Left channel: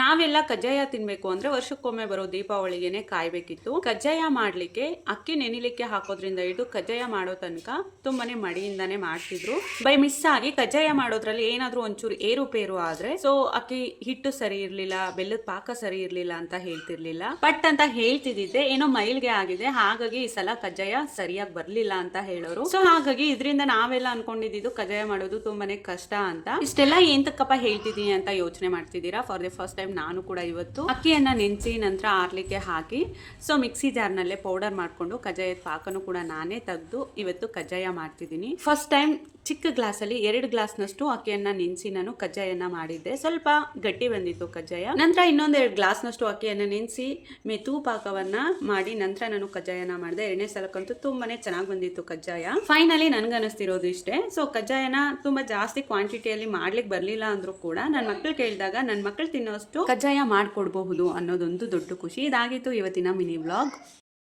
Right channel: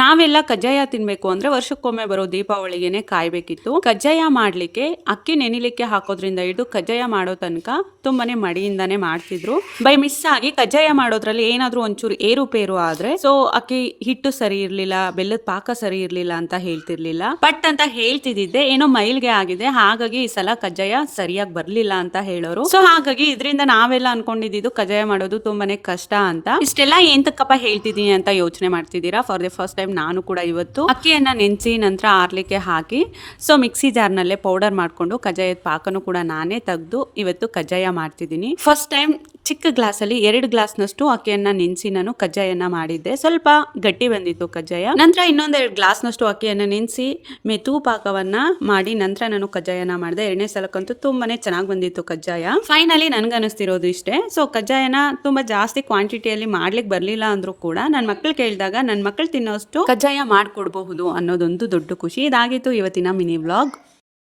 ನಾವೆಲ್ಲ ಕಜ್ಜಾಯ ತಿನ್ಬೇಕು ಅಂದ್ರೆ ವರ್ಷಕ್ಕೊಮ್ಮೆ ಬರೋ ದೀಪಾವಳಿಗೆನೆ ಕಾಯ್ಬೇಕಿತ್ತು. ಕಜ್ಜಾಯ ಮಾಡ್ಲಿಕ್ಕೆ ಅಕ್ಕಿ ನೆನಿಲಿಕ್ಕೆ ಹಾಕೋದ್ರಿಂದ ಹಿಡಿದು ಕಜ್ಜಾಯ ಮಾಡೋ ತನಕ ತುಂಬಾನೇ ಮಡಿಯಿಂದಾನೇ ಮಾಡ್ತಿದ್ರು. ಬೈ ಮಿಸ್ ಆಗಿ ಕಜ್ಜಾಯ ಮಾಡೋದ್ರಲ್ಲಿ ಏನಾದ್ರೂ ಒಂಚೂರು ಏರುಪೇರು ಆದ್ರೆ ಸೊ ಅಕ್ಕಿ ಹಿಟ್ಟು ಸರಿ ಇರ್ಲಿಲ್ಲ, ಬೆಲ್ಲದ ಪಾಕ ಸರಿ ಇರ್ಲಿಲ್ಲ ಅಂತ ಹೇಳ್ತಿರ್ಲಿಲ್ಲ. ಪಟ್ ಅಂತ ಹೇಳ್ತಿದ್ದೆ ಏನೋ ಮೈಲ್ಗೆ ಆಗಿದೆ, ಹಾಗಾಗಿ ಈ ಸಲ ಕಜ್ಜಾಯ ಸರಿಯಾಗಿ ಬರ್ಲಿಲ್ಲ ಅಂತ ಹೇಳೋರು. ಸೊ ಹಾಗಾಗಿ ಇದರಿಂದ ನಾವೆಲ್ಲ ಅನ್ಕೊಂಡಿದ್ದು ಕಜ್ಜಾಯ ಮಾಡೋದು ತುಂಬಾನೇ ಕಷ್ಟ ಅಂತ. ಇಷ್ಟೆಲ್ಲ ಏನ್ ತಕ್ಕಪ್ಪ ಹೇಳ್ತಿದೀನಿ ಅಂತ ಯೋಚನೆ ಮಾಡ್ತಿದ್ದೀರಾ? ಫಾರ್ ದಿ ಫಸ್ಟ್ ಟೈಮ್ ನಾನು ಕೂಡ ಇವತ್ತು ಅಕ್ಕಿಯನ್ನ ನೆನೆಸಿ ನಂತರ ಆರ್ಲಿಕ್ಕೆ ಹಾಕಿ ಸೊ ಮಿಕ್ಸಿ ಜಾರ್ನಲ್ಲೇ ಪೌಡರ್ ಮಾಡ್ಕೊಂಡು ಕಜ್ಜಾಯದ ಪಾಕನು ಕೂಡ ನಾನೇ ತೆಗೆದು ಇವತ್ತು ಕಜ್ಜಾಯ ಮಾಡ್ತಿದ್ದೀನಿ. ಫಸ್ಟ್ ಟೈಮ್ ಚಿಕ್ಕ ಗ್ಲಾಸಲ್ಲಿ 2 ಗ್ಲಾಸ್ನಷ್ಟು ಅಕ್ಕಿಯನ್ನ ನೆನೆಸಿ ನಾನು ಕಜ್ಜಾಯನ ಮಾಡಿದ್ದೆ. ಸ್ವಲ್ಪ ಗಟ್ಟಿ ಬಂದಿತ್ತು ಕಜ್ಜಾಯ. ನಂತರ ಇನ್ನೊಂದು 2 ಗ್ಲಾಸ್ನಷ್ಟು ಅಕ್ಕಿಯನ್ನ ನೆನೆಸಿ ಮೆತು ಪಾಕವನ್ನ ಮಾಡಿ ನಂತರ ನಾನು ಕಜ್ಜಾಯನ ಮಾಡಿದೆ. 2ನೇ ಸಲಕ್ಕಂತೂ ತುಂಬಾನೇ ಚೆನ್ನಾಗಿ ಬಂದಿತ್ತು ಕಜ್ಜಾಯ. ಫೈನಲಿ ನನ್ಗನಿಸ್ತಿರೋದು ಇಷ್ಟೇ. ಸೊ ಕಜ್ಜಾಯನ ತುಂಬಾ ಜಾಸ್ತಿ ಕ್ವಾಂಟಿಟಿಯಲ್ಲಿ ಮಾಡ್ಲಿಕ್ಕೆ ಬರ್ಲಿಲ್ಲ ಅಂದ್ರೂ ಕೂಡ ನನ್ನ ಮಕ್ಕಳು ಕೇಳಿದಾಗ ನನ್ನ ಮಕ್ಕಳು ತಿನ್ನೋಷ್ಟು ಕಜ್ಜಾಯ ಮಾಡ್ಕೊಡ್ಬಹುದು ಅನ್ನೋದೊಂದು ದೊಡ್ಡ ಖುಷಿ. ಇದಾಗಿತ್ತು ಇವತ್ತಿನ ಮಿನಿ ವ್ಲಾಗ್.